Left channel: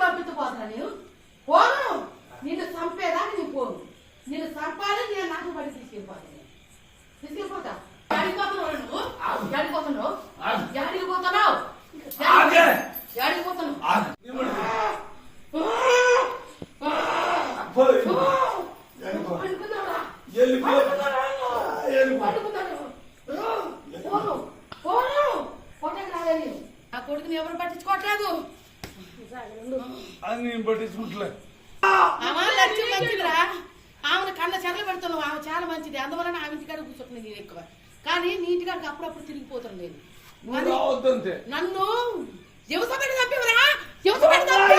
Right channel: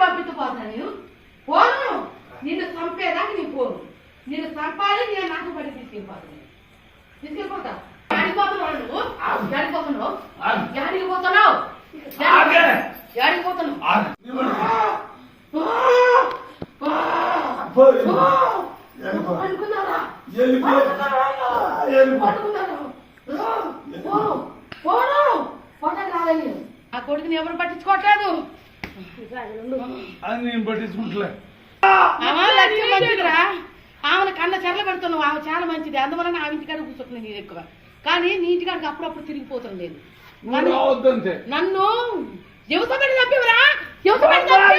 పంపించబోతున్నా నేను పోను. నిన్ను చంపేదాకా నేను పోను. నిన్ను చంపాలి. నేను నాకు పడి తీసుకెళ్ళిపోతా. పోతున్నావు నువ్వు పోతున్నావు. యాడికి పోతున్నావు? యాడికి పోతున్నావు? ఆ కొడుకుని ఎవరు పట్టించుకోవట్లేదు. లక్ష్యం మంచిదిరా. ఆమెను కన్న చెరలు పెడుతున్నావు. ఆమె చాలా మంచిది. అందువల్ల ఆమె ఇంటికాడ కూర్చుంటున్నాను నేను ఎక్కువ. కానీ నీ ఇంటికాడికి అప్పుడప్పుడు తిరిగిపోతాను నేను. నన్ను ఎవసబెట్టి తప్పివరా? ఎవసబెట్టి తప్పు.